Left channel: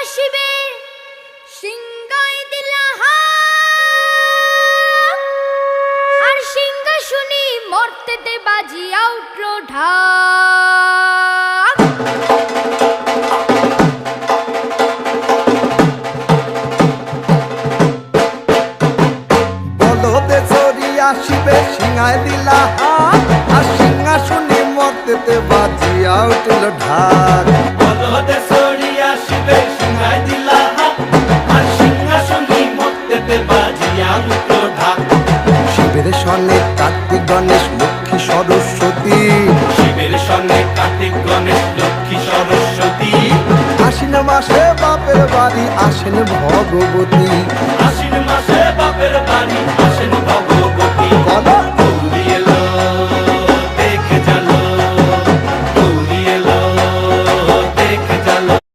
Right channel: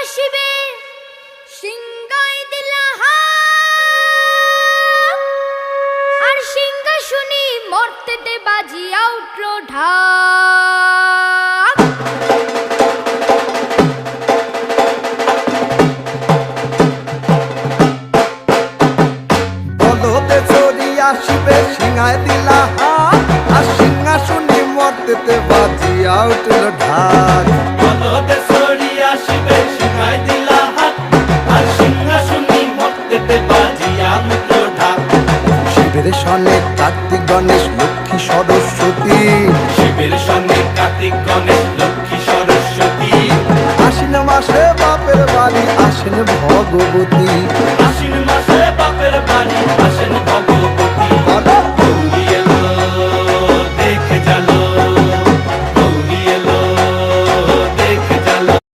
আসিবে সিংহায় দিলা হাত, আর সিংহাসনে মর্তেতে বাজিয়া উঠল ঢাক। বলদে চড়ি আসিবে সিংহায় দিলা হাত, আর সিংহাসনে মর্তেতে বাজিয়া উঠল ঢাক। বলদে চড়ি আসিবে সিংহায় দিলা হাত, আর সিংহাসনে মর্তেতে বাজিয়া উঠল ঢাক। শিবের সনে কার্তিক গণেশ লক্ষ্মী সরস্বতী, শিবের সনে কার্তিক গণেশ লক্ষ্মী সরস্বতী। আশ্বিন মাসে বাপের বাড়ি আসেন ভগবতী। আশ্বিন মাসে বাপের বাড়ি আসেন ভগবতী। বলো